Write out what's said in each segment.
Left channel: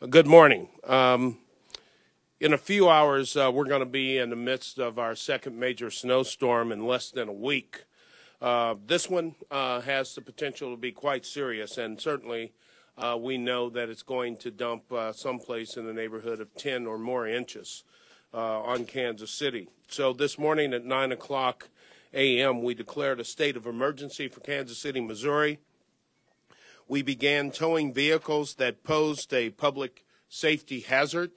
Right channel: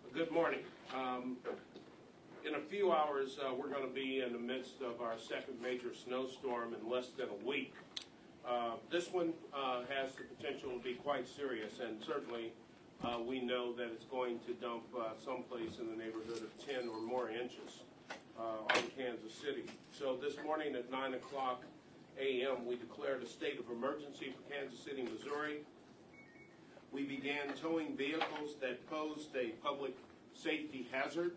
Good morning. In a few hours, we're going to be in the midst of our second major snowstorm in less than a week. This one has the potential to be quite serious, and certainly we know that it's going to dump someplace in the neighborhood of 10 or more inches on Kansas City. So this morning at 9 o'clock a.m., we declared a state of emergency for Kansas City, Missouri. We began towing vehicles that posed a public safety hazard.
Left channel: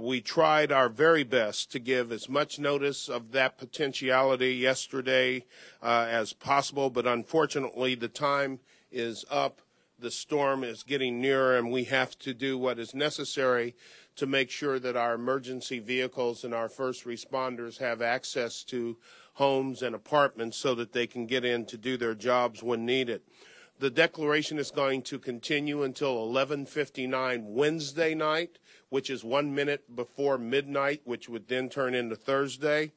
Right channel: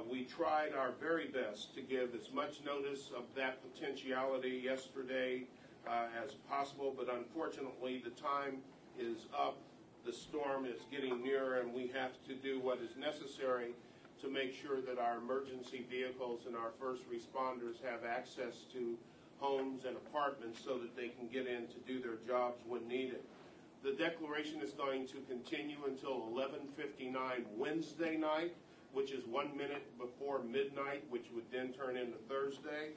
We tried our very best to give as much notice of that potentiality yesterday as possible, but unfortunately the time is up. The storm is getting nearer, and we have to do what is necessary to make sure that our emergency vehicles and our first responders have access to homes and apartments so that they can get in to do their jobs when needed. The declaration is going to continue until 11:59 Wednesday night, which is 1 minute before midnight, which would then turn into Thursday.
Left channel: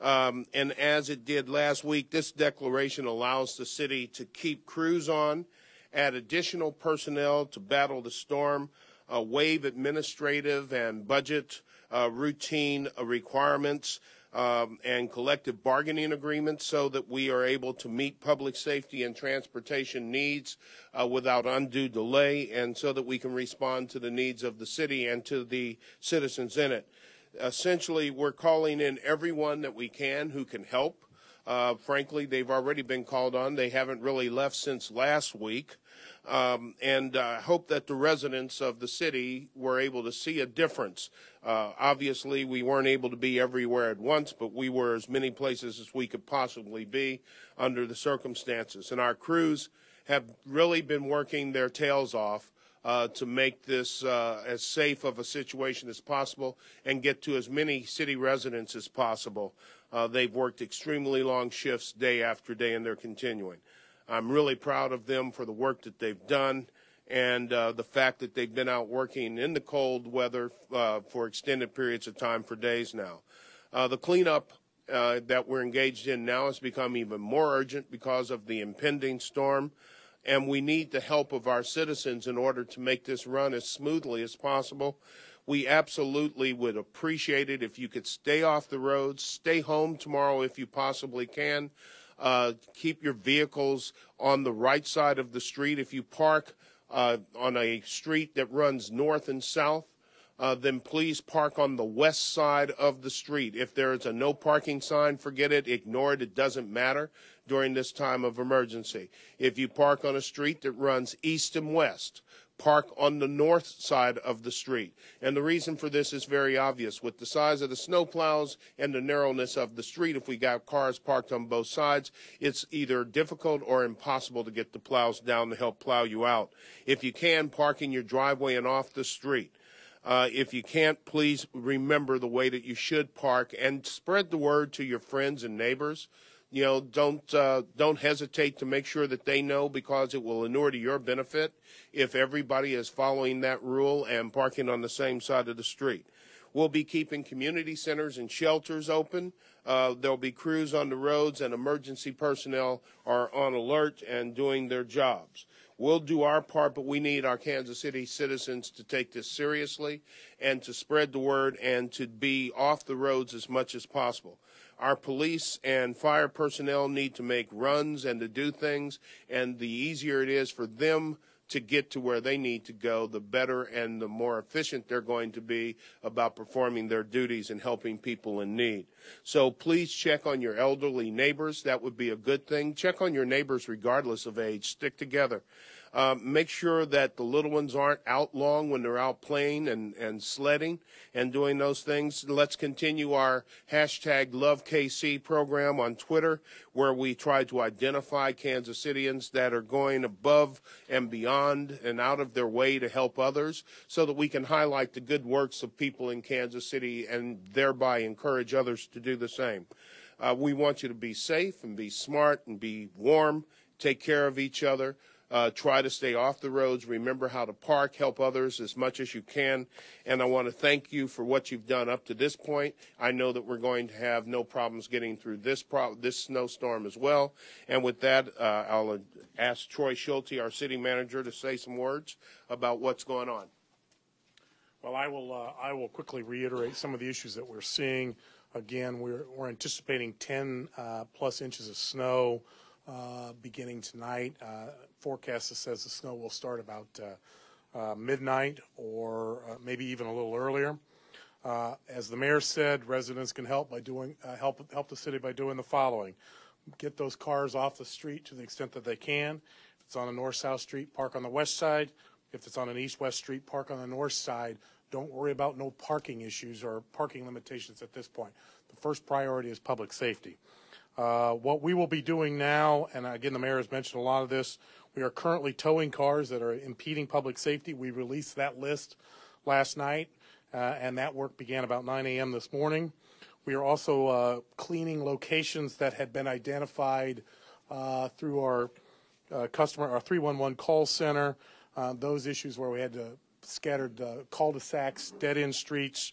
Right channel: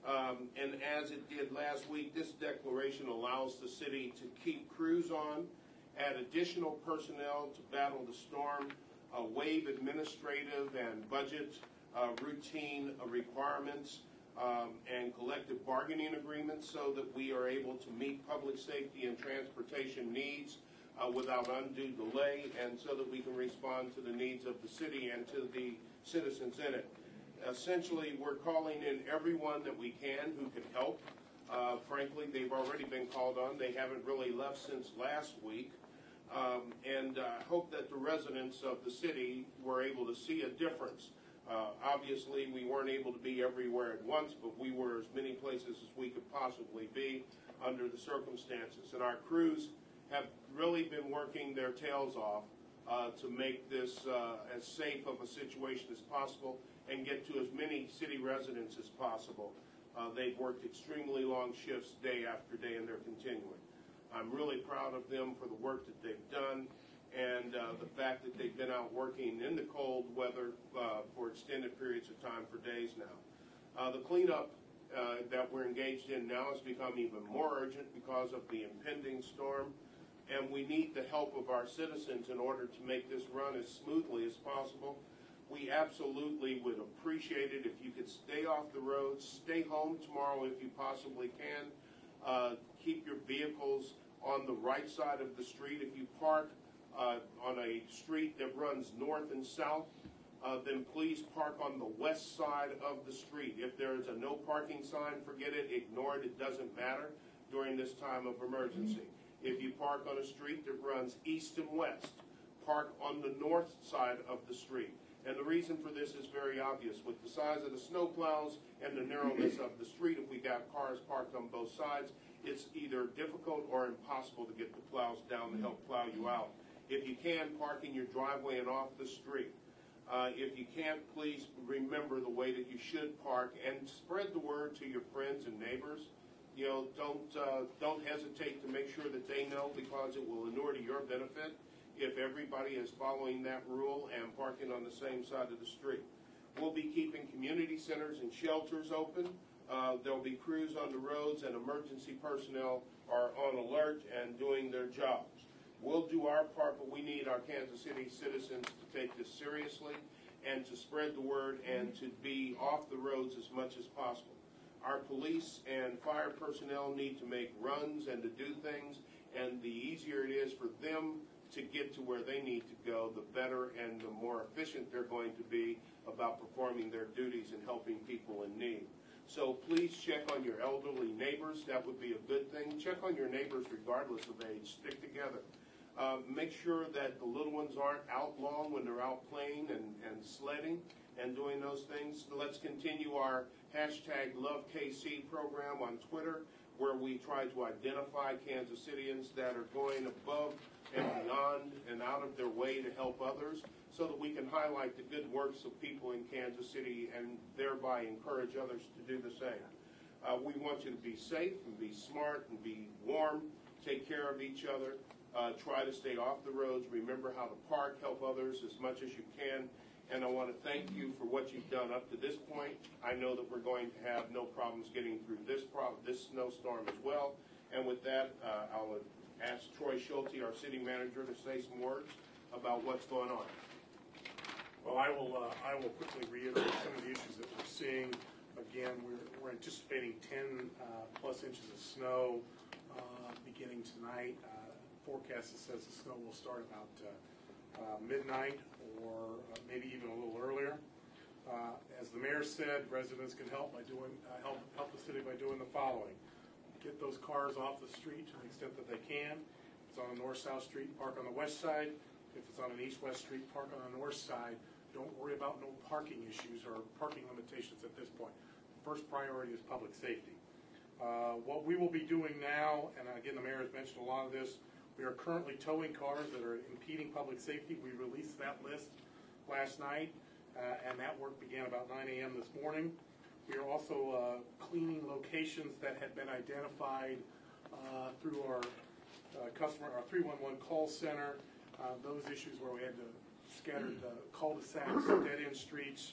And as it did last week, this declaration allows the city to keep crews on, add additional personnel to battle the storm, waive administrative and budget routine requirements, and collective bargaining agreements so that we are able to meet public safety and transportation needs without undue delay, and so that we can respond to the needs of the city and to the citizens in it. Essentially, we're calling in everyone that we can who can help. Frankly, they've already been called on. They haven't really left since last week. And I hope that the residents of the city were able to see a difference. Obviously, we weren't able to be everywhere at once, but we were as many places as we could possibly be under the circumstances. And our crews have really been working their tails off to make this as safe of a situation as possible and get to as many city residents as possible. They've worked extremely long shifts day after day, and they're continuing. I'm really proud of them for the work that they've done, and the fact that they've been out working in the cold weather for extended periods of time for days now. The cleanup that we're engaged in now has become even more urgent because of the impending storm, and we need the help of our citizens in order to make this run as smoothly as possible. We absolutely would appreciate it if you could stay off the roads, stay home tomorrow if you possibly can. Keep your vehicles on the right side of the street. If you park on a street that runs north and south, then please park on the west side of the street. If there is a no parking sign, forget it, ignore it, it doesn't matter during this time of emergency. If you park on a street that runs east and west, park on the north side of the street. And the reason for this is very obvious. With the size of the snowplows and the narrowness of the street, if we got cars parked on both sides, it's either difficult or impossible to get the plows down to help plow you out. If you can, park in your driveway and off the street. If you can't, please remember the way that you should park and spread the word to your friends and neighbors. You know, don't hesitate to make sure that they know, because it will inure to your benefit if everybody is following that rule and parking on the same side of the street. We'll be keeping community centers and shelters open. There'll be crews on the roads, and emergency personnel are on alert and doing their jobs. We'll do our part, but we need our Kansas City citizens to take this seriously and to spread the word and to be off the roads as much as possible. Our police and fire personnel need to make runs and to do things, and the easier it is for them to get to where they need to go, the better and the more efficient they're going to be about performing their duties and helping people in need. So please check on your elderly neighbors. That would be a good thing. Check on your neighbors regardless of age. Stick together. Make sure that the little ones aren't out long when they're out playing and sledding and doing those things. Let's continue our hashtag LoveKC program on Twitter, where we try to identify Kansas Cityans that are going above and beyond and out of their way to help others, so that we can highlight the good works of people in Kansas City and thereby encourage others to do the same. We want you to be safe and be smart and be warm, take care of each other. Try to stay off the roads. Remember how to park. Help others as much as you can. And I want to thank you for what you've done up to this point. I know that we're going to have no problems getting through this snowstorm as well. And with that, I'll ask Troy Schulte, our city manager, to say some words about what's going on. Well, I will quickly reiterate some of the issues that we're seeing. Again, we're anticipating 10 plus inches of snow beginning tonight. Forecast that says the snow will start about midnight or maybe even a little earlier. As the mayor said, residents can help by doing help the city by doing the following: get those cars off the street to the extent that they can. If it's on a north-south street, park on the west side. If it's on an east-west street, park on the north side. Don't worry about no parking issues or parking limitations at this point. The first priority is public safety. What we will be doing now, and again, the mayor has mentioned a lot of this, we are currently towing cars that are impeding public safety. We released that list last night, and that work began about 9 a.m. this morning. We are also cleaning locations that had been identified through our 311 call center. Those issues where we had scattered cul-de-sacs, dead-end streets,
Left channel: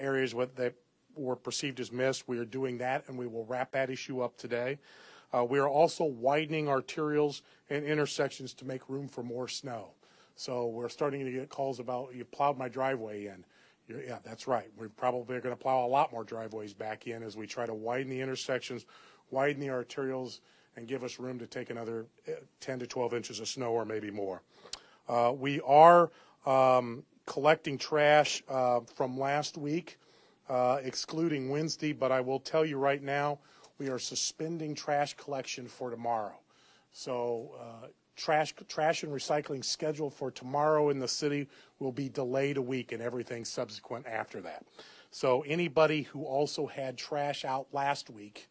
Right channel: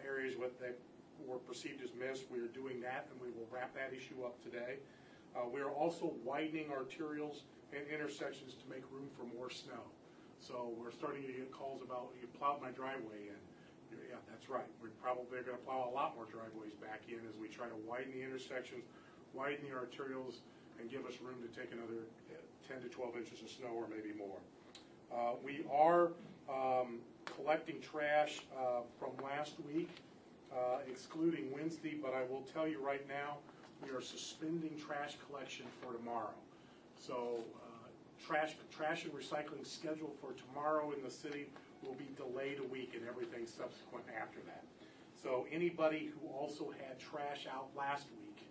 areas that were perceived as missed. We are doing that, and we will wrap that issue up today. We are also widening arterials and intersections to make room for more snow. So we're starting to get calls about, you plowed my driveway in. Yeah, that's right. We're probably going to plow a lot more driveways back in as we try to widen the intersections, widen the arterials, and give us room to take another 10 to 12 inches of snow or maybe more. We are collecting trash from last week, excluding Wednesday, but I will tell you right now, we are suspending trash collection for tomorrow. So trash and recycling scheduled for tomorrow in the city will be delayed a week, and everything subsequent after that. So anybody who also had trash out last week,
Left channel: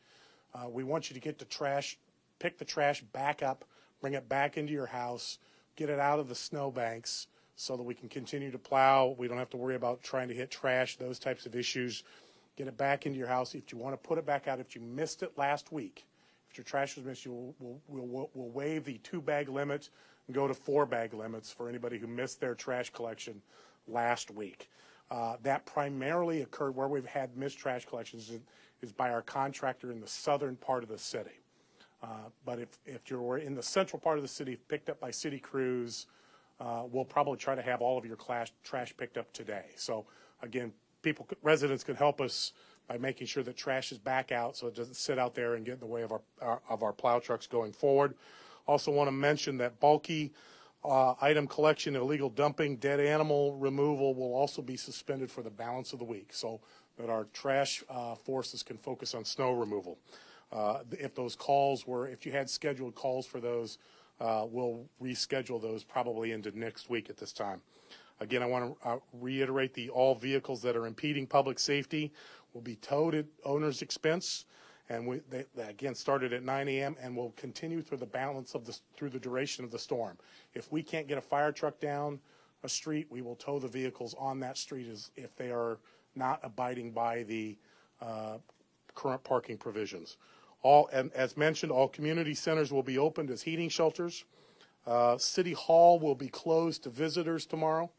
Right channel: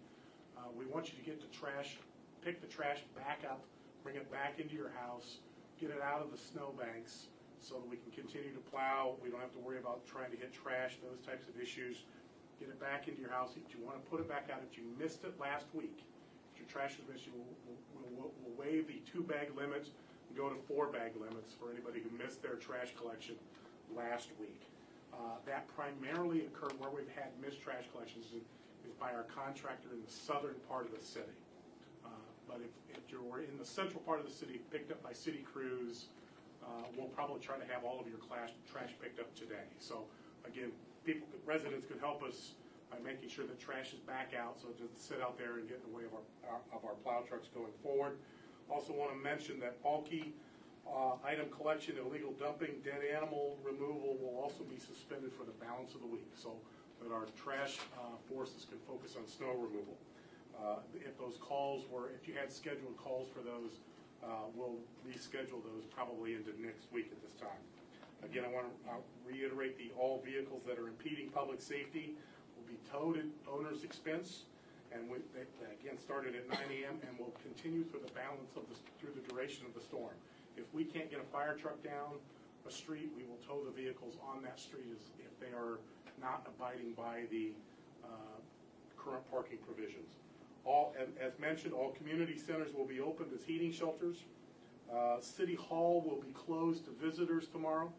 we want you to get the trash, pick the trash back up, bring it back into your house, get it out of the snowbanks so that we can continue to plow. We don't have to worry about trying to hit trash, those types of issues. Get it back into your house. If you want to put it back out, if you missed it last week, if your trash was missed, we'll waive the 2-bag limit and go to 4-bag limits for anybody who missed their trash collection last week. That primarily occurred where we've had missed trash collections is by our contractor in the southern part of the city. But if you're in the central part of the city, picked up by city crews, we'll probably try to have all of your trash picked up today. So again, residents can help us by making sure that trash is back out so it doesn't sit out there and get in the way of our plow trucks going forward. Also want to mention that bulky item collection, illegal dumping, dead animal removal will also be suspended for the balance of the week so that our trash forces can focus on snow removal. If you had scheduled calls for those, we'll reschedule those probably into next week at this time. Again, I want to reiterate all vehicles that are impeding public safety will be towed at owner's expense, and they again started at 9 a.m. and will continue through the balance of through the duration of the storm. If we can't get a fire truck down a street, we will tow the vehicles on that street if they are not abiding by the current parking provisions. As mentioned, all community centers will be opened as heating shelters. City Hall will be closed to visitors tomorrow,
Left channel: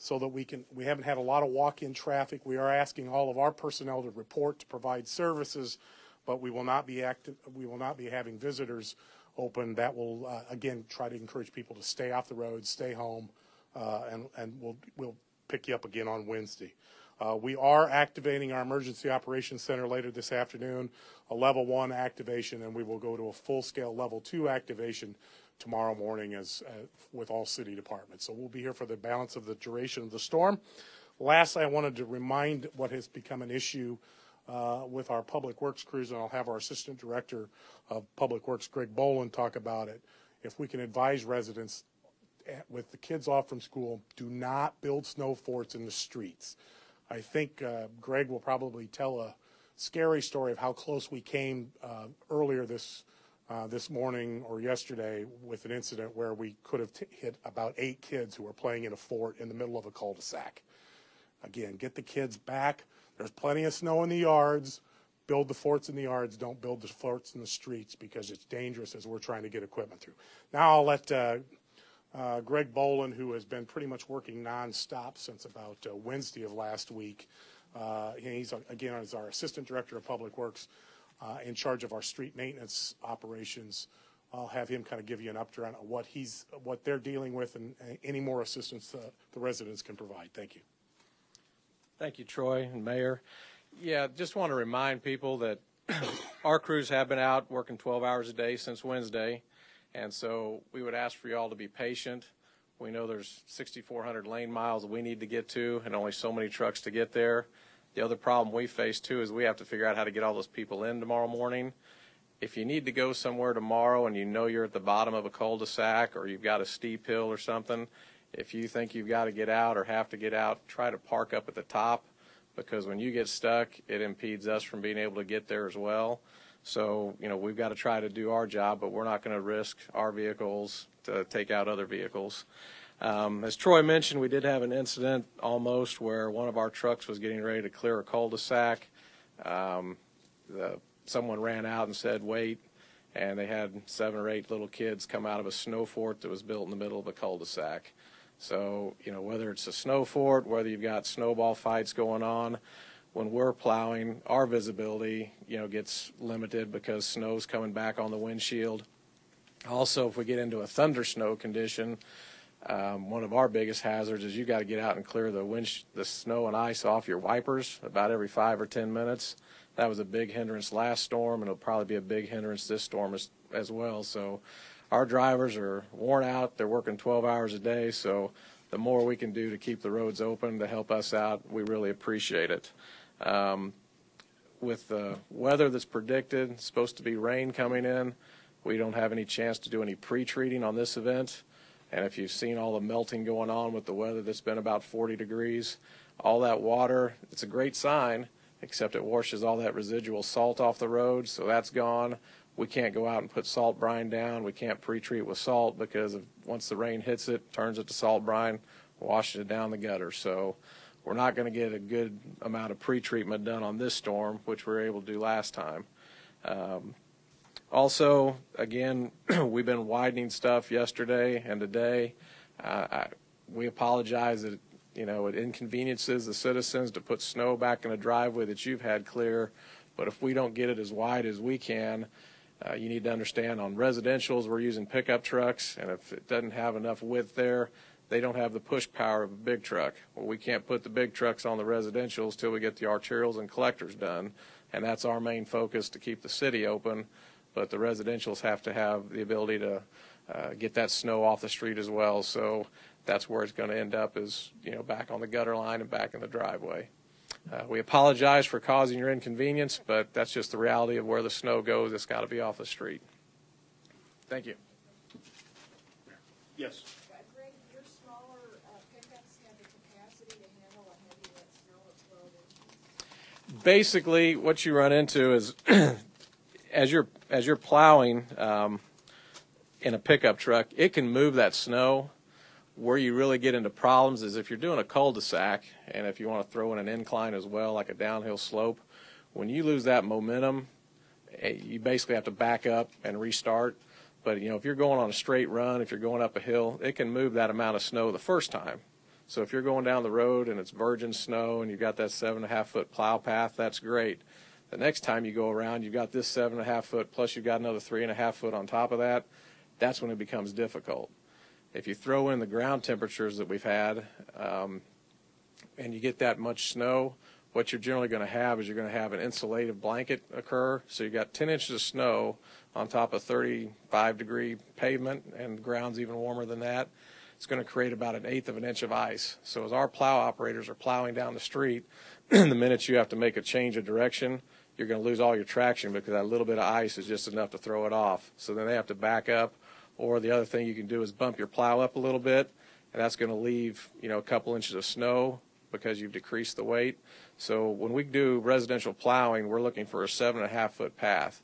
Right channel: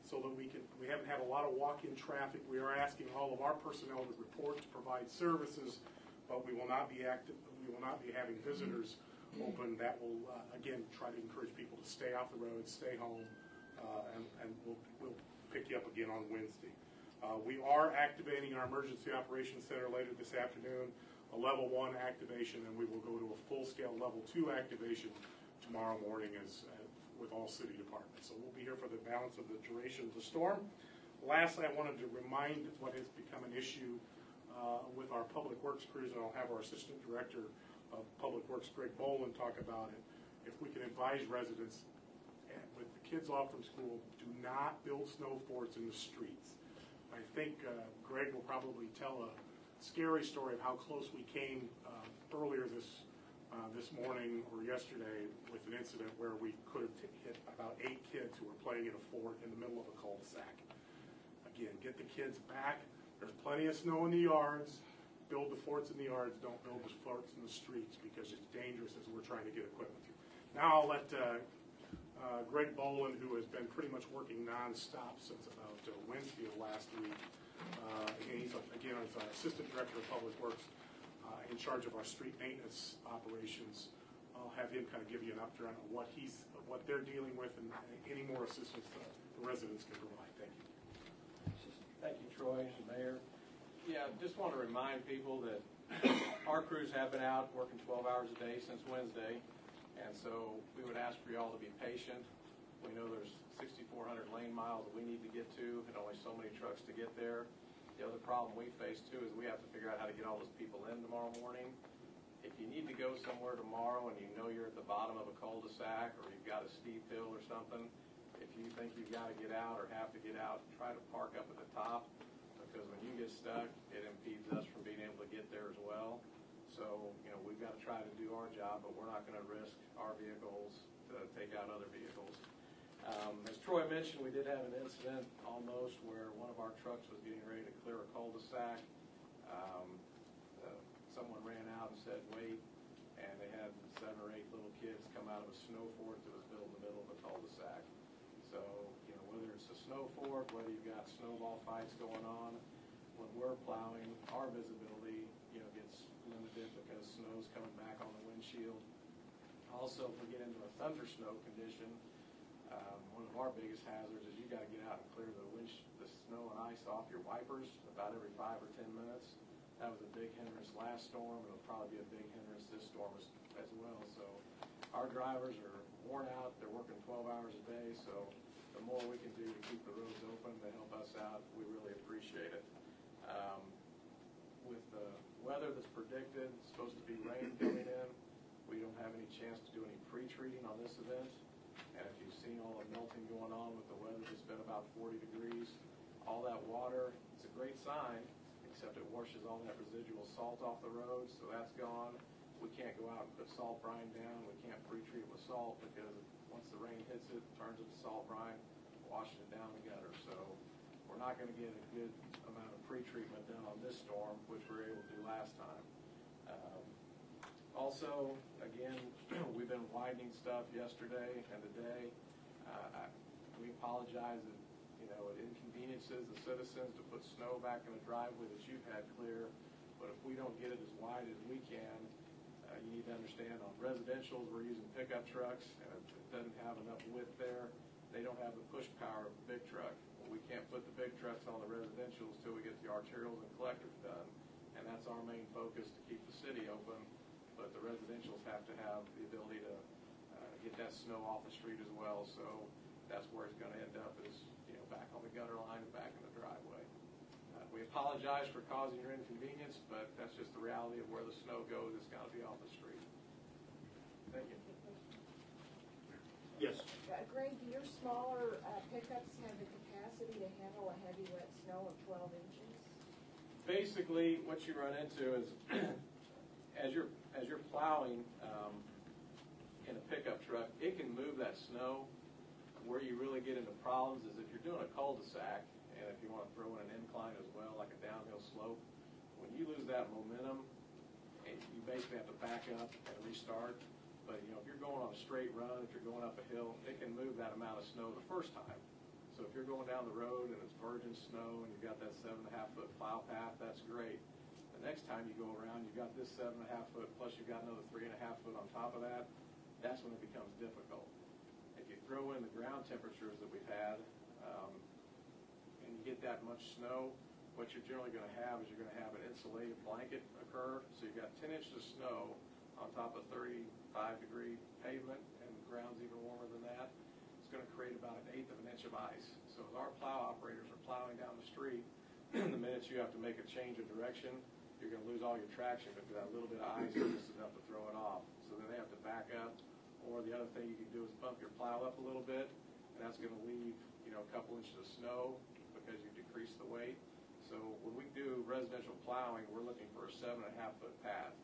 so that we haven't had a lot of walk-in traffic. We are asking all of our personnel to report to provide services, but we will not be having visitors open. That will again try to encourage people to stay off the road, stay home, and we'll pick you up again on Wednesday. We are activating our Emergency Operations Center later this afternoon, a level 1 activation, and we will go to a full-scale level 2 activation tomorrow morning with all city departments. So we'll be here for the balance of the duration of the storm. Lastly, I wanted to remind what has become an issue with our Public Works crews, and I'll have our Assistant Director of Public Works, Greg Boland, talk about it. If we can advise residents with the kids off from school, do not build snow forts in the streets. I think Greg will probably tell a scary story of how close we came earlier this morning or yesterday with an incident where we could have hit about 8 kids who were playing in a fort in the middle of a cul-de-sac. Again, get the kids back. There's plenty of snow in the yards. Build the forts in the yards. Don't build the forts in the streets because it's dangerous as we're trying to get equipment through. Now I'll let Greg Boland, who has been pretty much working nonstop since about Wednesday of last week. He's, again, our Assistant Director of Public Works, in charge of our street maintenance operations, I'll have him kind of give you an update on what they're dealing with and any more assistance the residents can provide. Thank you. Thank you, Troy and Mayor. Yeah, just want to remind people that our crews have been out working 12 hours a day since Wednesday, and so we would ask for you all to be patient. We know there's 6,400 lane miles that we need to get to and only so many trucks to get there. The other problem we face, too, is we have to figure out how to get all those people in tomorrow morning. If you need to go somewhere tomorrow and you know you're at the bottom of a cul-de-sac or you've got a steep hill or something, if you think you've got to get out or have to get out, try to park up at the top, because when you get stuck, it impedes us from being able to get there as well. So, we've got to try to do our job, but we're not going to risk our vehicles to take out other vehicles. As Troy mentioned, we did have an incident almost where one of our trucks was getting ready to clear a cul-de-sac. Someone ran out and said, wait, and they had 7 or 8 little kids come out of a snow fort that was built in the middle of a cul-de-sac. So, whether it's a snow fort, whether you've got snowball fights going on, when we're plowing, our visibility, gets limited because snow's coming back on the windshield. Also, if we get into a thunder snow condition, one of our biggest hazards is you got to get out and clear the snow and ice off your wipers about every 5 or 10 minutes. That was a big hindrance last storm, and it'll probably be a big hindrance this storm as well. So our drivers are worn out. They're working 12 hours a day, so the more we can do to keep the roads open to help us out, we really appreciate it. With the weather that's predicted, it's supposed to be rain coming in, we don't have any chance to do any pre-treating on this event. And if you've seen all the melting going on with the weather that's been about 40 degrees, all that water, it's a great sign, except it washes all that residual salt off the road, so that's gone. We can't go out and put salt brine down. We can't pre-treat with salt because once the rain hits it, turns it to salt brine, washes it down the gutter. So we're not going to get a good amount of pre-treatment done on this storm, which we were able to do last time. Also, again, we've been widening stuff yesterday and today. We apologize that it inconveniences the citizens to put snow back in a driveway that you've had clear, but if we don't get it as wide as we can, you need to understand on residentials we're using pickup trucks, and if it doesn't have enough width there, they don't have the push power of a big truck. Well, we can't put the big trucks on the residentials till we get the arterials and collectors done, and that's our main focus to keep the city open, but the residentials have to have the ability to get that snow off the street as well. So that's where it's going to end up is, back on the gutter line and back in the driveway. We apologize for causing your inconvenience, but that's just the reality of where the snow goes. It's got to be off the street. Thank you. Yes. Greg, do your smaller pickups have the capacity to handle a heavy wet snow of 12 inches? Basically, what you run into is as you're plowing in a pickup truck, it can move that snow. Where you really get into problems is if you're doing a cul-de-sac, and if you want to throw in an incline as well, like a downhill slope, when you lose that momentum, you basically have to back up and restart. But, if you're going on a straight run, if you're going up a hill, it can move that amount of snow the first time. So if you're going down the road and it's virgin snow and you've got that 7.5-foot plow path, that's great. The next time you go around, you've got this 7.5-foot plus you've got another 3.5-foot on top of that. That's when it becomes difficult. If you throw in the ground temperatures that we've had and you get that much snow, what you're generally going to have is you're going to have an insulative blanket occur. So you've got 10 inches of snow on top of 35-degree pavement, and the ground's even warmer than that. It's going to create about 1/8 of an inch of ice. So as our plow operators are plowing down the street, the minute you have to make a change of direction, you're going to lose all your traction because that little bit of ice is just enough to throw it off. So then they have to back up. Or the other thing you can do is bump your plow up a little bit, and that's going to leave, a couple inches of snow because you've decreased the weight. So when we do residential plowing, we're looking for a 7.5-foot path.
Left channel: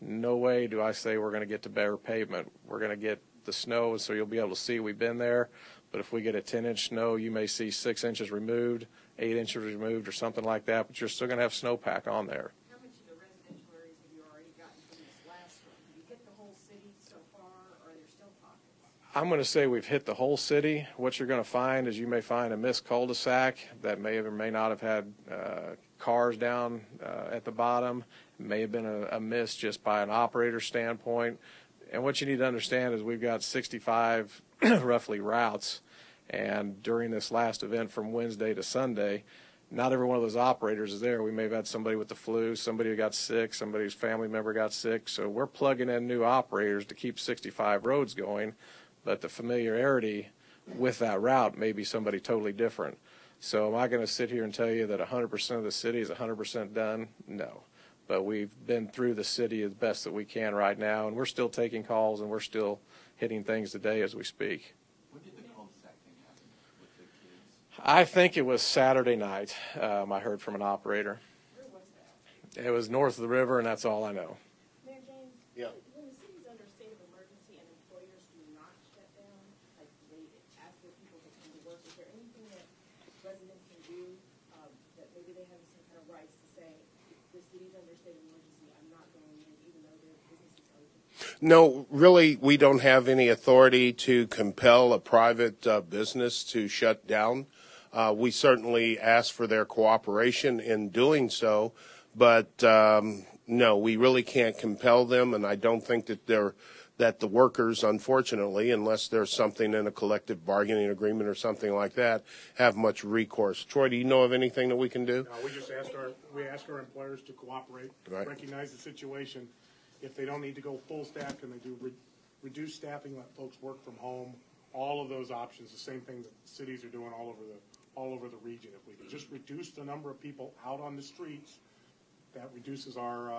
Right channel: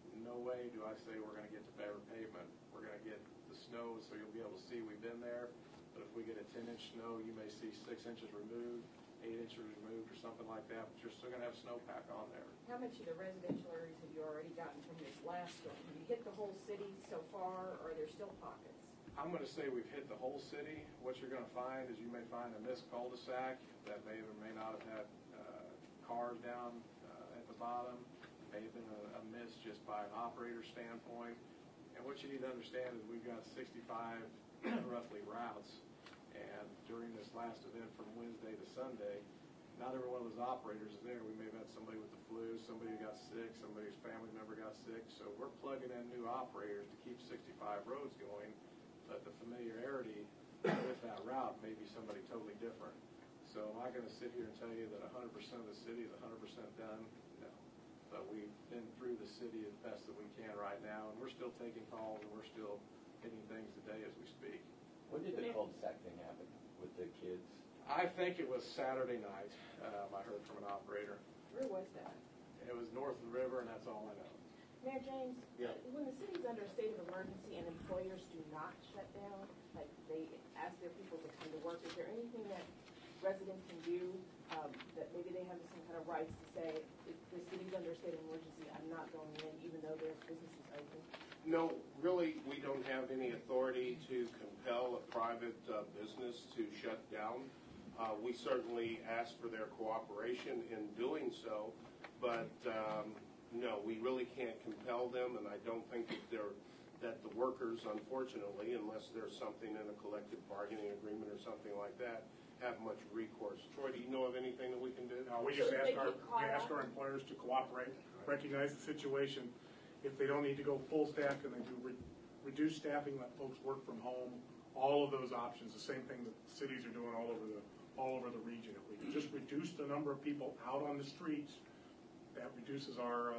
No way do I say we're going to get to bare pavement. We're going to get the snow, so you'll be able to see we've been there. But if we get a 10-inch snow, you may see 6 inches removed, 8 inches removed, or something like that, but you're still going to have snowpack on there. How much of the residential areas have you already gotten from this last storm? Have you hit the whole city so far, or are there still pockets? I'm going to say we've hit the whole city. What you're going to find is you may find a missed cul-de-sac that may or may not have had cars down at the bottom. It may have been a miss just by an operator standpoint. And what you need to understand is we've got 65 roughly routes, and during this last event from Wednesday to Sunday, not every one of those operators is there. We may have had somebody with the flu, somebody who got sick, somebody's family member got sick. So we're plugging in new operators to keep 65 roads going, but the familiarity with that route may be somebody totally different. So am I going to sit here and tell you that 100% of the city is 100% done? No. But we've been through the city as best that we can right now, and we're still taking calls, and we're still hitting things today as we speak. When did the cul-de-sac thing happen with the kids? I think it was Saturday night. I heard from an operator. Where was that? It was north of the river, and that's all I know. Mayor James? Yeah. When the city's under a state of emergency and employers do not shut down, like they ask their people to come to work, is there anything that residents can do, that maybe they have some kind of rights to say, if the city's under a state of emergency, I'm not going in even though their business is open? No, really, we don't have any authority to compel a private business to shut down. We certainly ask for their cooperation in doing so, but no, we really can't compel them, and I don't think that the workers, unfortunately, unless there's something in a collective bargaining agreement or something like that, have much recourse. Troy, do you know of anything that we can do? We just ask our employers to cooperate, Right. recognize the situation. If they don't need to go full staff, then they do reduce staffing, let folks work from home. All of those options, the same thing that cities are doing all over the region. If we can just reduce the number of people out on the streets, that reduces our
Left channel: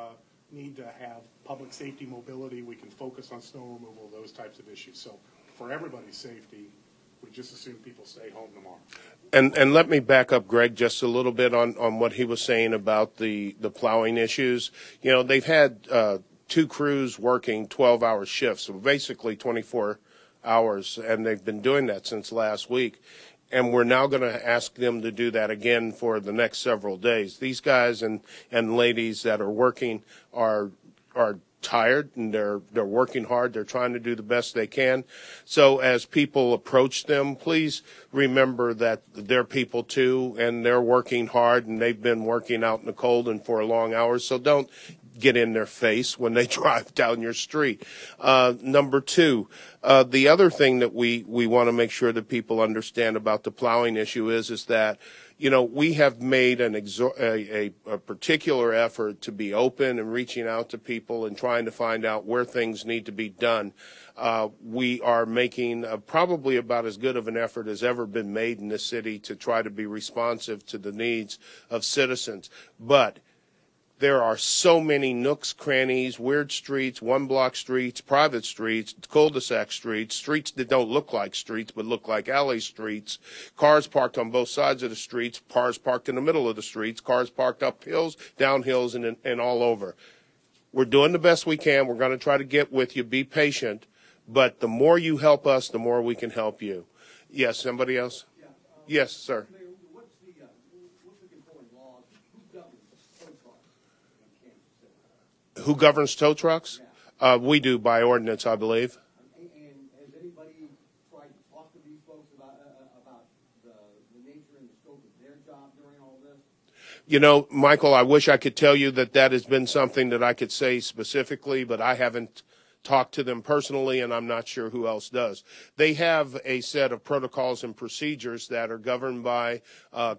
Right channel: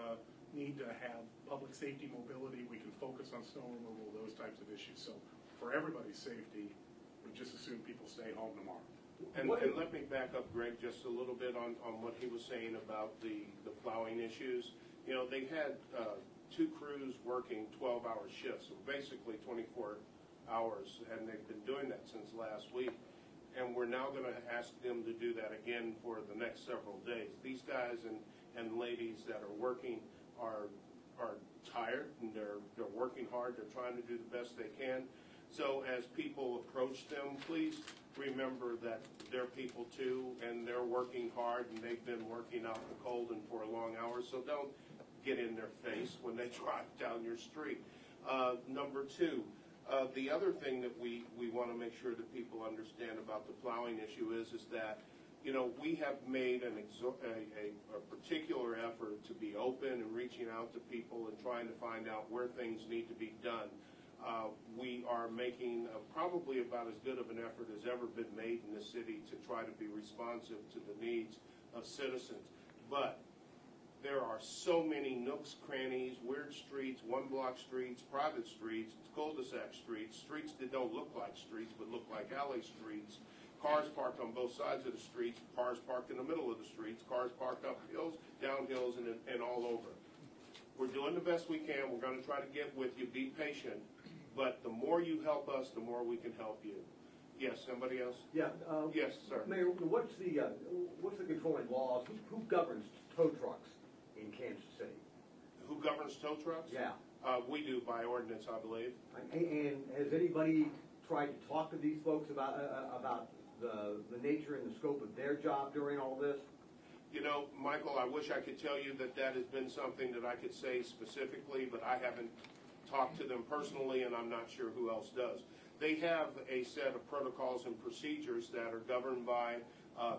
need to have public safety mobility. We can focus on snow removal, those types of issues. So for everybody's safety, we just assume people stay home tomorrow. And let me back up, Greg, just a little bit on what he was saying about the plowing issues. You know, they've had 2 crews working 12-hour shifts, so basically 24 hours, and they've been doing that since last week. And we're now going to ask them to do that again for the next several days. These guys and ladies that are working are tired, and they're working hard. They're trying to do the best they can. So as people approach them, please remember that they're people too, and they're working hard, and they've been working out in the cold and for long hours. So don't get in their face when they drive down your street. Number 2, the other thing that we want to make sure that people understand about the plowing issue is that, you know, we have made a particular effort to be open and reaching out to people and trying to find out where things need to be done. We are making probably about as good of an effort as ever been made in this city to try to be responsive to the needs of citizens. But there are so many nooks, crannies, weird streets, one-block streets, private streets, cul-de-sac streets, streets that don't look like streets but look like alley streets, cars parked on both sides of the streets, cars parked in the middle of the streets, cars parked up hills, down hills, and all over. We're doing the best we can. We're going to try to get with you. Be patient. But the more you help us, the more we can help you. Yes, somebody else? Yeah. Yes, sir. Mayor, what's the controlling laws? Who governs tow trucks in Kansas City? Who governs tow trucks? Yeah. We do by ordinance, I believe. And has anybody tried to talk to these folks about the nature and the scope of their job during all this? You know, Michael, I wish I could tell you that has been something that I could say specifically, but I haven't talked to them personally, and I'm not sure who else does. They have a set of protocols and procedures that are governed by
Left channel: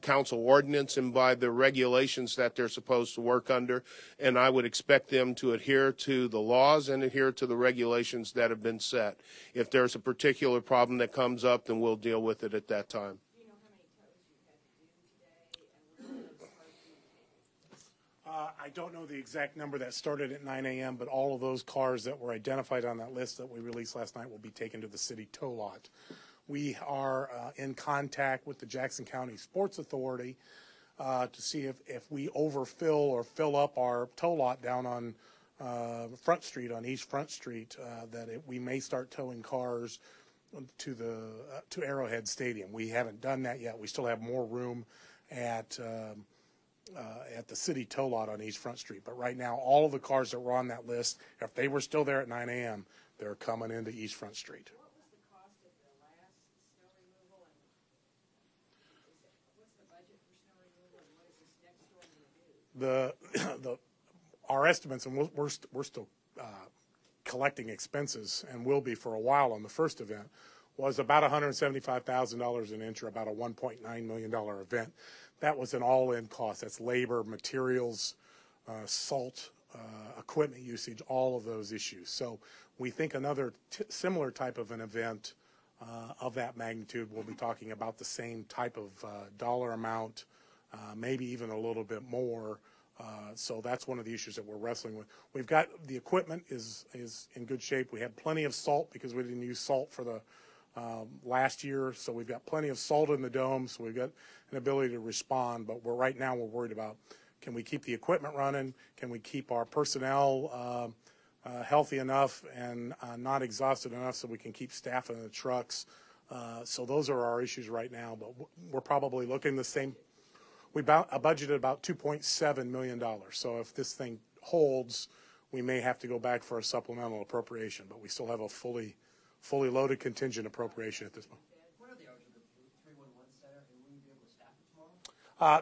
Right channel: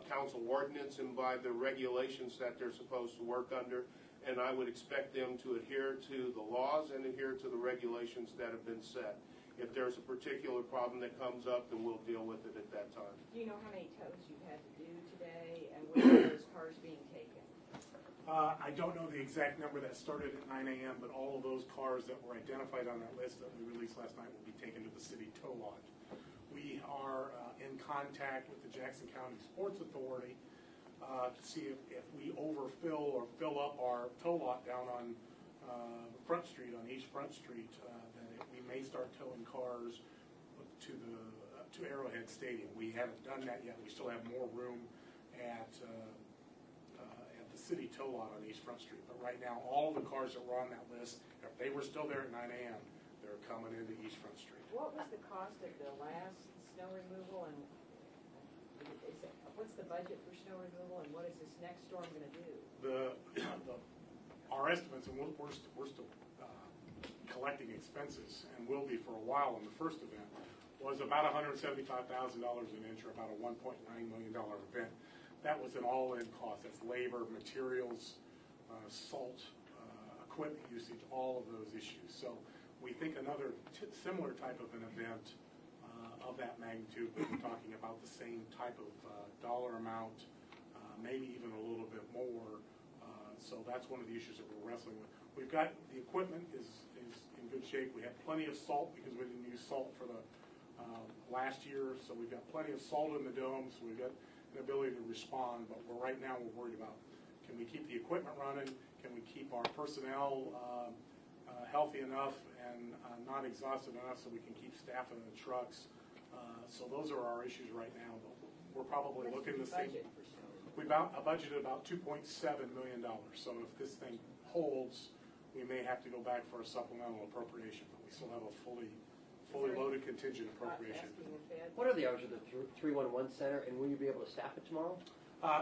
council ordinance and by the regulations that they're supposed to work under, and I would expect them to adhere to the laws and adhere to the regulations that have been set. If there's a particular problem that comes up, then we'll deal with it at that time. Do you know how many tows you've had to do today, and when are those cars being taken? I don't know the exact number that started at 9 a.m., but all of those cars that were identified on that list that we released last night will be taken to the city tow lot. We are in contact with the Jackson County Sports Authority to see if we overfill or fill up our tow lot down on Front Street, on East Front Street, we may start towing cars to Arrowhead Stadium. We haven't done that yet. We still have more room at the city tow lot on East Front Street. But right now, all of the cars that were on that list, if they were still there at 9 a.m., they're coming into East Front Street. What was the cost of the last snow removal, and what's the budget for snow removal, and what is this next storm going to do? Our estimates, and we're still collecting expenses, and will be for a while on the first event, was about $175,000 an inch, or about a $1.9 million event. That was an all-in cost. That's labor, materials, salt, equipment usage, all of those issues. So we think another similar type of an event of that magnitude, we'll be talking about the same type of dollar amount, maybe even a little bit more. So that's one of the issues that we're wrestling with. We've got the equipment is in good shape. We have plenty of salt because we didn't use salt for the last year, so we've got plenty of salt in the dome, so we've got an ability to respond. But right now we're worried about, can we keep the equipment running? Can we keep our personnel healthy enough and not exhausted enough so we can keep staffing the trucks? So those are our issues right now, but we're probably looking the same. We budgeted about $2.7 million. So if this thing holds, we may have to go back for a supplemental appropriation, but we still have a fully loaded contingent appropriation at this moment. What are the hours of the 311 center, and will you be able to staff it tomorrow?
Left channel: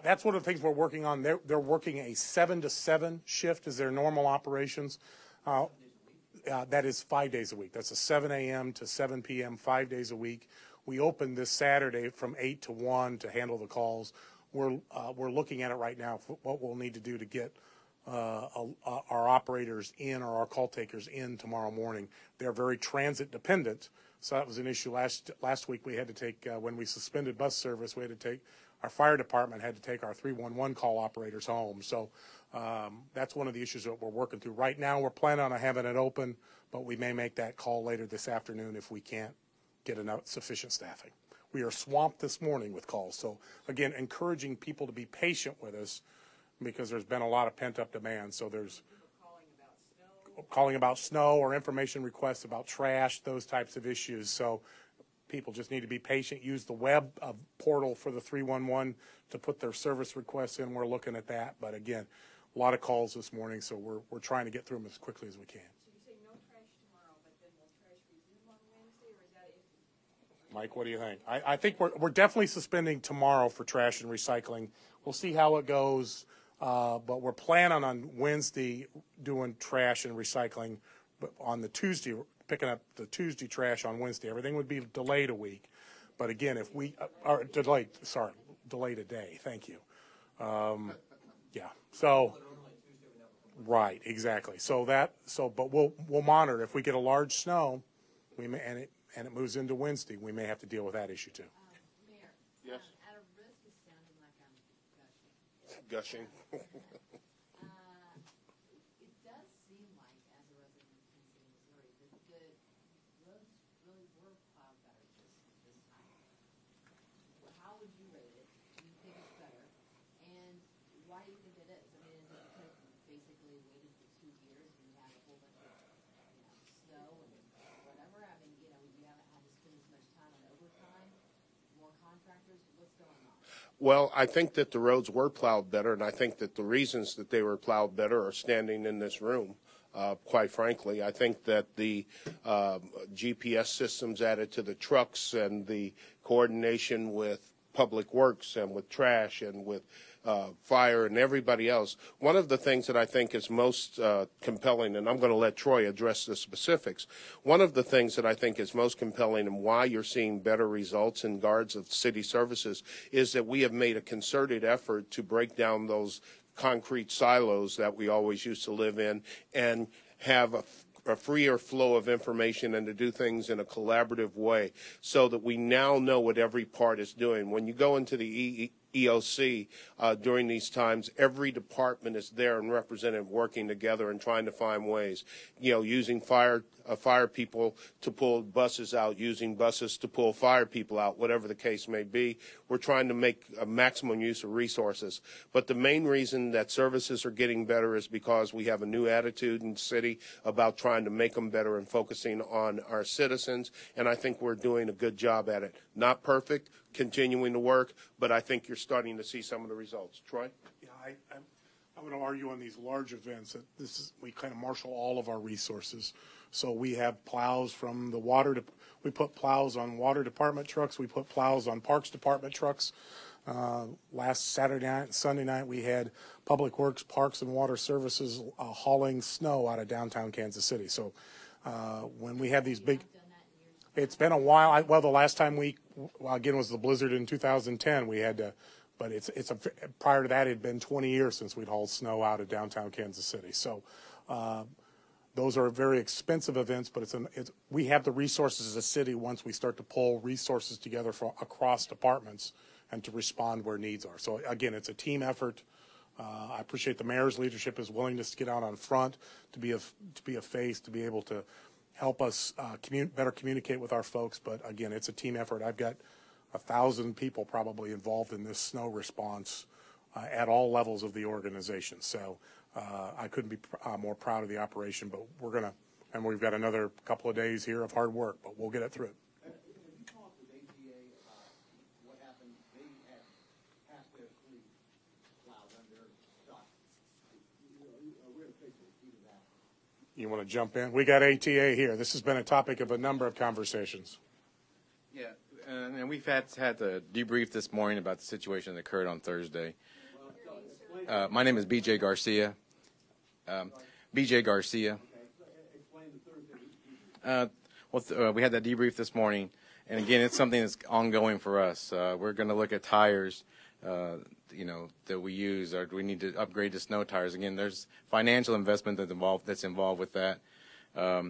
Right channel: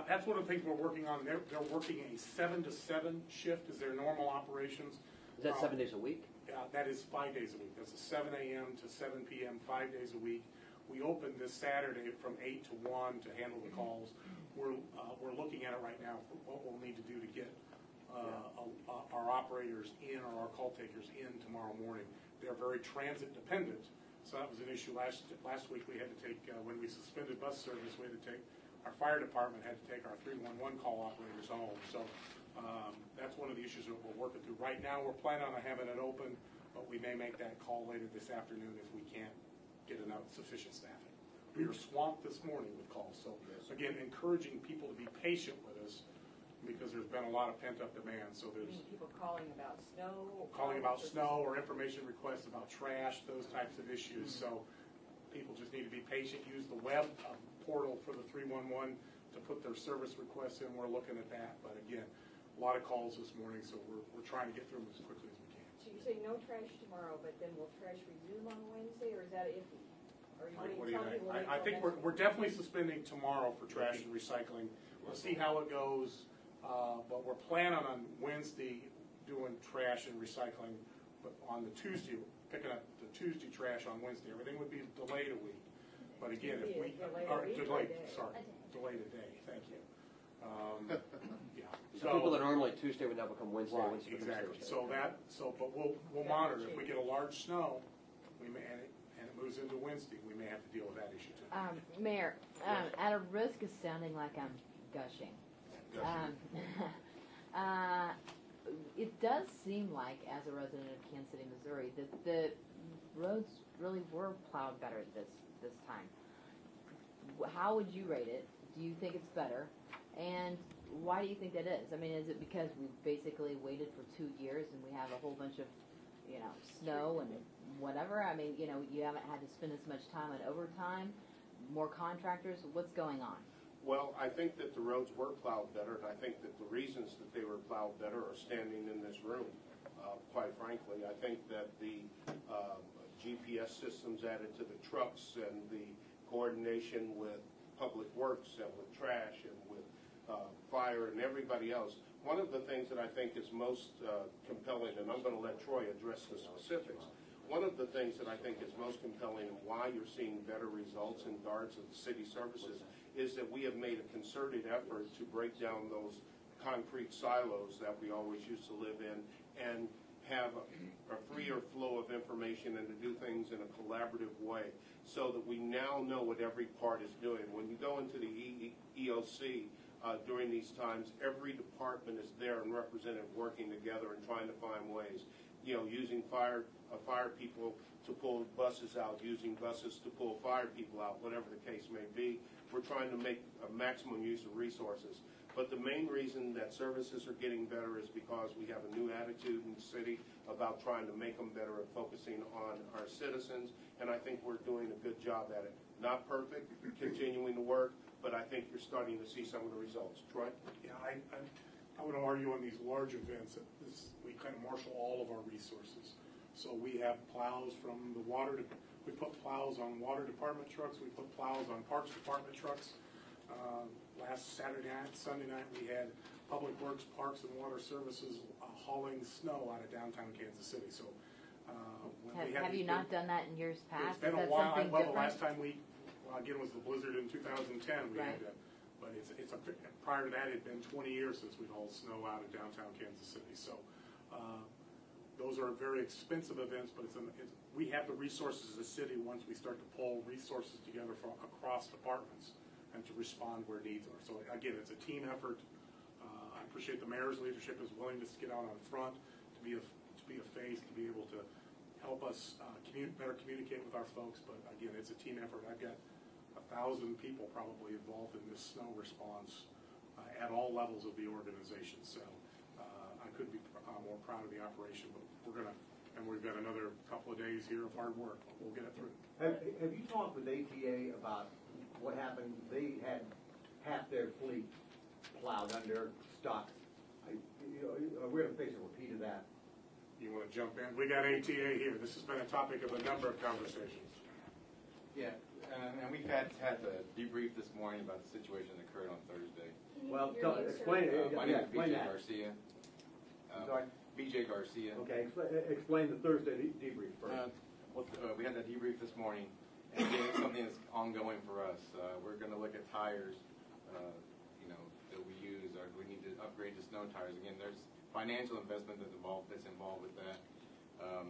That's one of the things we're working on. They're working a 7 to 7 shift as their normal operations. Is that 7 days a week? That is 5 days a week. That's a 7 a.m. to 7 p.m., 5 days a week. We opened this Saturday from 8 to 1 to handle the calls. We're looking at it right now, what we'll need to do to get our operators in, or our call takers in tomorrow morning. They're very transit dependent, so that was an issue last week. We had to take, when we suspended bus service, we had to take, our fire department had to take our 311 call operators home. So that's one of the issues that we're working through. Right now, we're planning on having it open, but we may make that call later this afternoon if we can't get enough sufficient staffing. We are swamped this morning with calls. So again, encouraging people to be patient with us, because there's been a lot of pent-up demand. So there's People calling about snow or information requests about trash, those types of issues. So people just need to be patient. Use the web portal for the 311 to put their service requests in. We're looking at that. But again, a lot of calls this morning, so we're trying to get through them as quickly as we can. So you say no trash tomorrow, but then will trash resume on Wednesday, or is that iffy? Mike, what do you think? I think we're definitely suspending tomorrow for trash and recycling. We'll see how it goes, but we're planning on Wednesday doing trash and recycling, but on the Tuesday, picking up the Tuesday trash on Wednesday. Everything would be delayed a week, but again, if we are delayed a day. Thank you. Yeah. So People that normally Tuesday would now become Wednesday. right, exactly. But we'll monitor. If we get a large snow, we may, and it moves into Wednesday, we may have to deal with that issue too. Mayor, at a risk of sounding like I'm gushing, it does seem like, as a resident of Kansas City, Missouri, that the roads really were plowed better this time. How would you rate it? Do you think it's better? And why do you think that is? I mean, is it because we basically waited for 2 years and we have a whole bunch of, snow and whatever? I mean, you haven't had to spend as much time on overtime, more contractors. What's going on? Well, I think that the roads were plowed better, and I think that the reasons that they were plowed better are standing in this room. Quite frankly, I think that the GPS systems added to the trucks and the coordination with Public Works and with trash and with fire and everybody else. One of the things that I think is most compelling, and I'm going to let Troy address the specifics, one of the things that I think is most compelling and why you're seeing better results in guards of city services is that we have made a concerted effort to break down those concrete silos that we always used to live in and have a freer flow of information and to do things in a collaborative way so that we now know what every part is doing. When you go into the EOC during these times, every department is there and represented working together and trying to find ways, using fire people to pull buses out, using buses to pull fire people out, whatever the case may be. We're trying to make a maximum use of resources. But the main reason that services are getting better is because we have a new attitude in the city about trying to make them better and focusing on our citizens, and I think we're doing a good job at it. Not perfect, continuing to work, but I think you're starting to see some of the results. Troy? Yeah, I would argue on these large events that we kind of marshal all of our resources. So we have plows from the water, we put plows on water department trucks, we put plows on parks department trucks. Last Saturday night, Sunday night, we had Public Works, Parks and Water Services hauling snow out of downtown Kansas City. So When we had these big. Have you not done that in years past? It's been a Is that while. something Well, the different? last time again, was the blizzard in 2010. We had to, but prior to that, it had been 20 years since we'd hauled snow out of downtown Kansas City. So, those are very expensive events, but we have the resources as a city once we start to pull resources together across departments and to respond where needs are. So again, it's a team effort. I appreciate the mayor's leadership, his willingness to get out on front, to be a face, to be able to help us better communicate with our folks. But again, it's a team effort. I've got 1,000 people probably involved in this snow response at all levels of the organization. So I couldn't be more proud of the operation. But and we've got another couple of days here of hard work, but we'll get it through. Have you talked with ATA about what happened? They had half their fleet plowed under, stuck. We're going to face a repeat of that. You want to jump in? We got ATA here. This has been a topic of a number of conversations. Yeah, and we've had the debrief this morning about the situation that occurred on Thursday. Well, explain. My name is B.J. Garcia. B.J. Garcia. Okay, explain the Thursday debrief. We had that debrief this morning, and again, it's something that's ongoing for us. We're going to look at tires, that we use, or do we need to upgrade to snow tires? Again, there's financial investment that's involved with that. A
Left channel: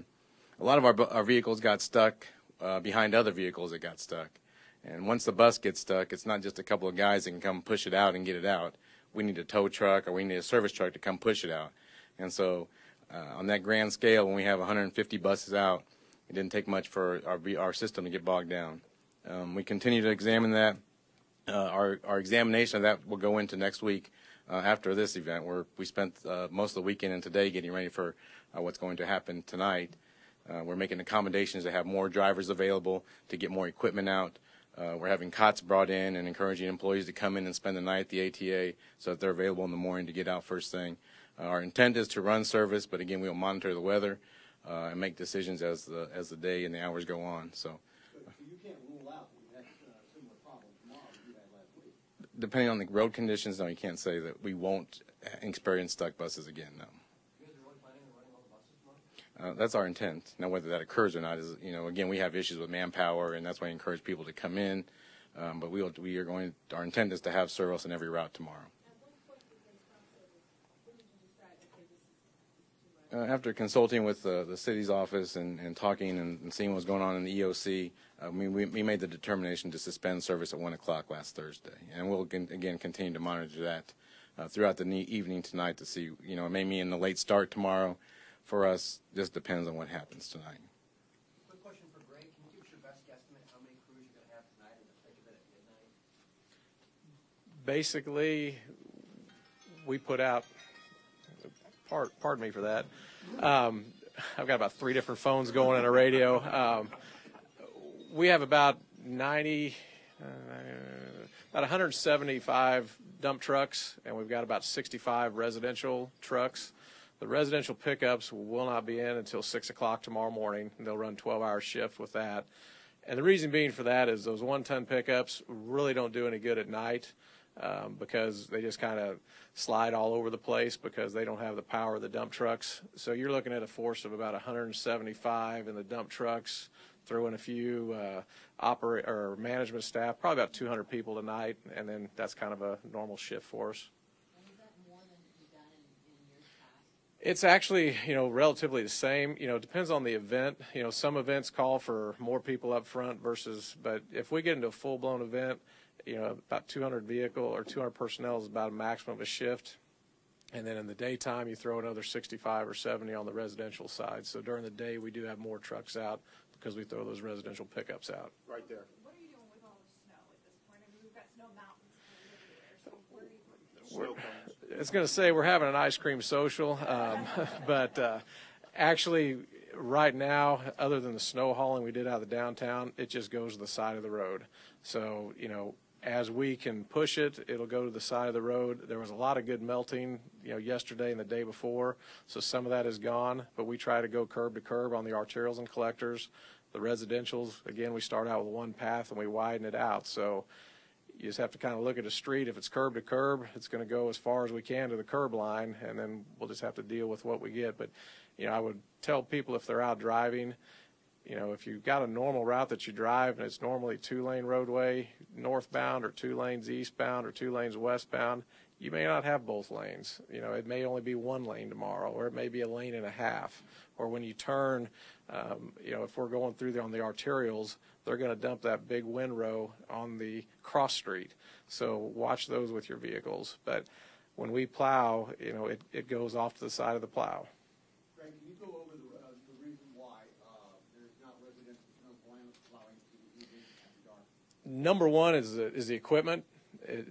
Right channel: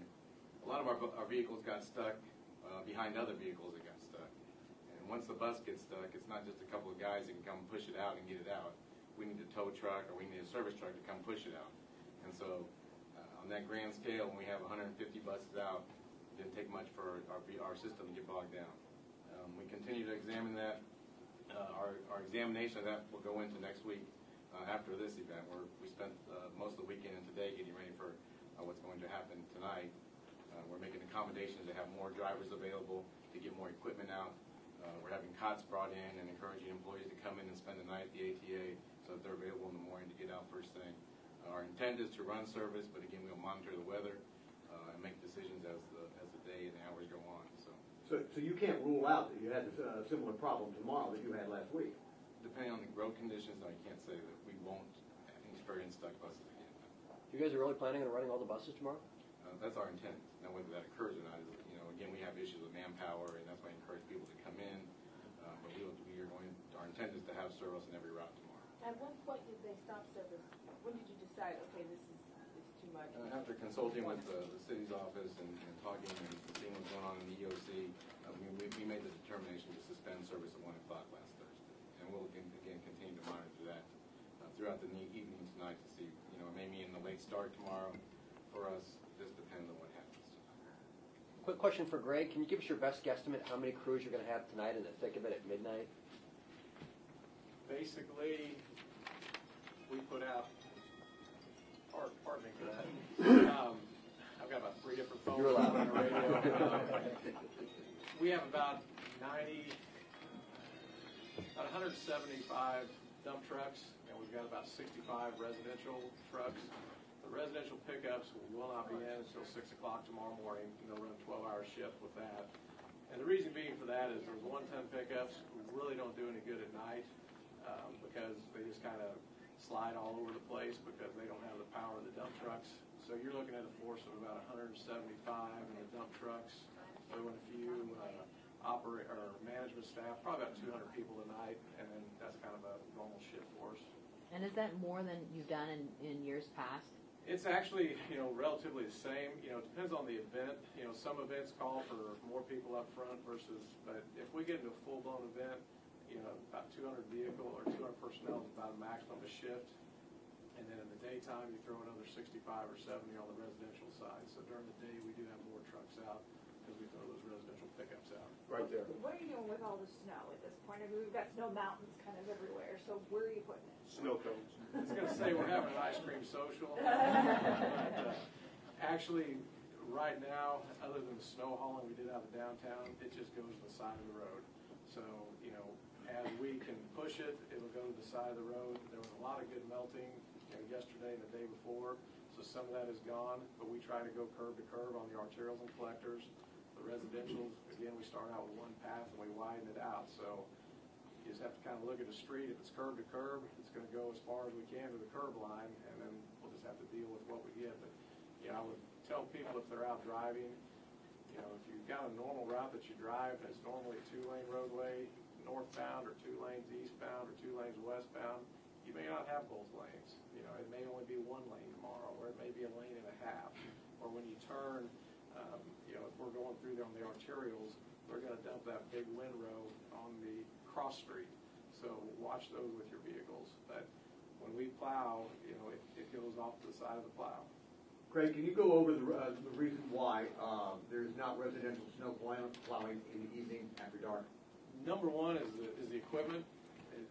lot of our vehicles got stuck behind other vehicles that got stuck. And once the bus gets stuck, it's not just a couple of guys that can come push it out and get it out. We need a tow truck or we need a service truck to come push it out. And so on that grand scale, when we have 150 buses out, it didn't take much for our system to get bogged down. We continue to examine that. Our examination of that will go into next week after this event, where we spent most of the weekend and today getting ready for what's going to happen tonight. We're making accommodations to have more drivers available, to get more equipment out. We're having cots brought in and encouraging employees to come in and spend the night at the ATA so that they're available in the morning to get out first thing. Our intent is to run service, but again, we'll monitor the weather and make decisions as the day and the hours go on. So you can't rule out that you had a similar problem tomorrow that you had last week? Depending on the road conditions, no, you can't say that we won't experience stuck buses again, no. You guys are really planning on running all the buses tomorrow? That's our intent. Now, whether that occurs or not is, again, we have issues with manpower, and that's why I encourage people to come in. But our intent is to have service on every route tomorrow. At what point did they stop service? When did you decide, okay, this is too much? After consulting with the city's office and talking and seeing what was going on in the EOC, we made the determination to suspend service at 1 o'clock last Thursday. And we'll, again, continue to monitor that throughout the evening tonight to see, it may mean a late start tomorrow. For us, just depends on what happens tonight. Quick question for Greg. Can you give us your best guesstimate how many crews you're going to have tonight in the thick of it at midnight? Basically, we put out, pardon me for that, I've got about 3 different phones going and a radio. We have about 175 dump trucks, and we've got about 65 residential trucks. The residential pickups will not be in until 6 o'clock tomorrow morning. They'll run 12-hour shift with that. And the reason being for that is those 1-ton pickups really don't do any good at night because they just kind of slide all over the place because they don't have the power of the dump trucks. So you're looking at a force of about 175 in the dump trucks, throw in a few management staff, probably about 200 people tonight, and then that's kind of a normal shift for us. And is that more than you've done in years past? It's actually, relatively the same. It depends on the event. Some events call for more people up front but if we get into a full-blown event, about 200 personnel is about a maximum of a shift. And then in the daytime, you throw another 65 or 70 on the residential side. So during the day, we do have more trucks out because we throw those residential pickups out. Right there. What are you doing with all the snow at this point? I mean, we've got snow mountains kind of everywhere, so where are you putting it? It's going to say we're having an ice cream social, but actually right now, other than the snow hauling we did out of the downtown, it just goes to the side of the road. So, as we can push it, it'll go to the side of the road. There was a lot of good melting, yesterday and the day before, so some of that is gone, but we try to go curb to curb on the arterials and collectors. The residentials, again, we start out with one path and we widen it out. So you just have to kind of look at a street. If it's curb to curb, it's going to go as far as we can to the curb line, and then we'll just have to deal with what we get. But I would tell people if they're out driving, if you've got a normal route that you drive and it's normally 2-lane roadway northbound or 2 lanes eastbound or 2 lanes westbound, you may not have both lanes. It may only be 1 lane tomorrow, or it may be 1.5 lanes. Or when you turn, if we're going through there on the arterials, they're going to dump that big windrow on the cross street. So watch those with your vehicles. But when we plow, it goes off to the side of the plow. Craig, can you go over the reason why there's not residential snow plowing in the evening after dark? Number one is the equipment. It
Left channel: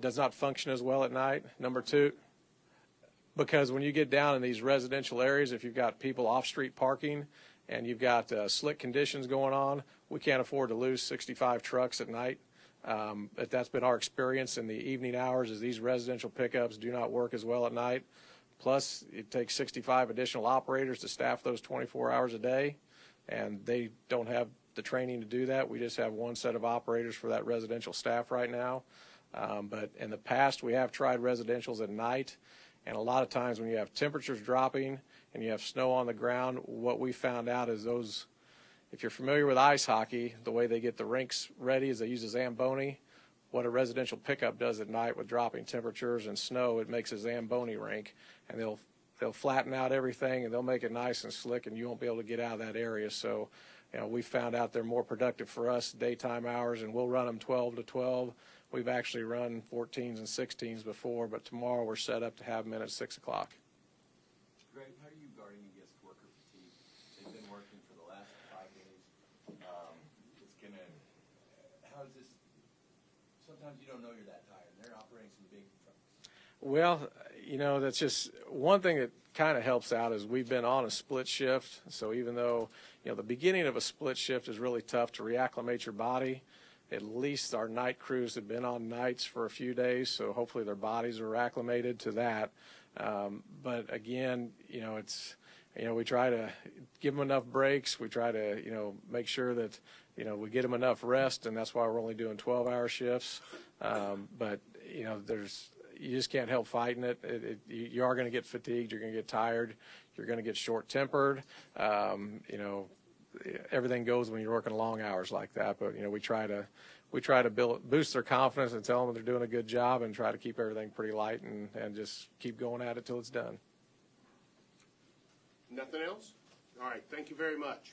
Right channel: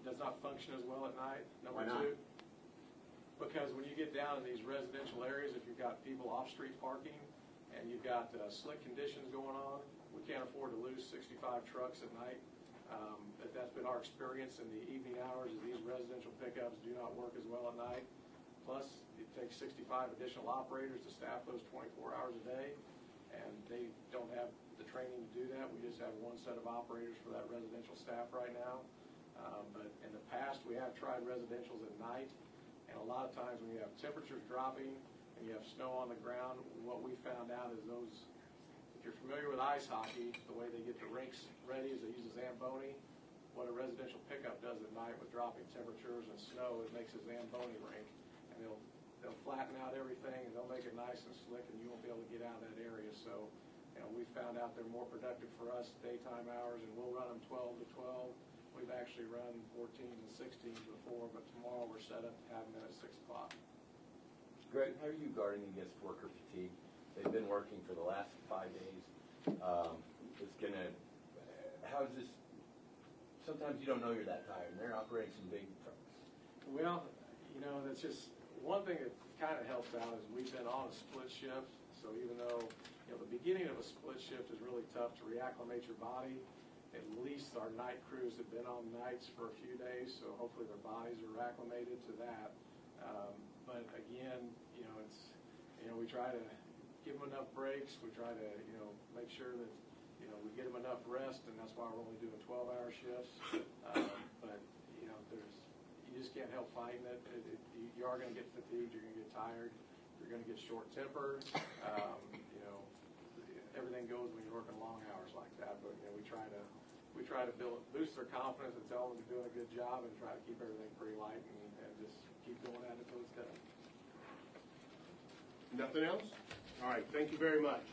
does not function as well at night. Number two, because when you get down in these residential areas, if you've got people off-street parking and you've got slick conditions going on, we can't afford to lose 65 trucks at night. But that's been our experience in the evening hours, is these residential pickups do not work as well at night. Plus, it takes 65 additional operators to staff those 24 hours a day, and they don't have the training to do that. We just have 1 set of operators for that residential staff right now. But in the past, we have tried residentials at night, and a lot of times when you have temperatures dropping and you have snow on the ground, what we found out is those, if you're familiar with ice hockey, the way they get the rinks ready is they use a Zamboni. What a residential pickup does at night with dropping temperatures and snow, it makes a Zamboni rink, and they'll flatten out everything and they'll make it nice and slick, and you won't be able to get out of that area. So, we found out they're more productive for us daytime hours, and we'll run them 12 to 12. We've actually run 14s and 16s before, but tomorrow we're set up to have them in at 6 o'clock. Greg, how are you guarding against worker fatigue? They've been working for the last 5 days. How is this? Sometimes you don't know you're that tired, and they're operating some big trucks. Well, that's just one thing that kind of helps out is we've been on a split shift. So even though, the beginning of a split shift is really tough to reacclimate your body, at least our night crews have been on nights for a few days, so hopefully their bodies are acclimated to that. But again, we try to give them enough breaks. We try to, make sure that, we get them enough rest, and that's why we're only doing 12-hour shifts. But, you just can't help fighting it. You are going to get fatigued. You're going to get tired. You're going to get short-tempered. Everything goes when you're working long hours like that. But we try to boost their confidence and tell them they're doing a good job, and try to keep everything pretty light and just keep going at it till it's done. Nothing else? All right. Thank you very much.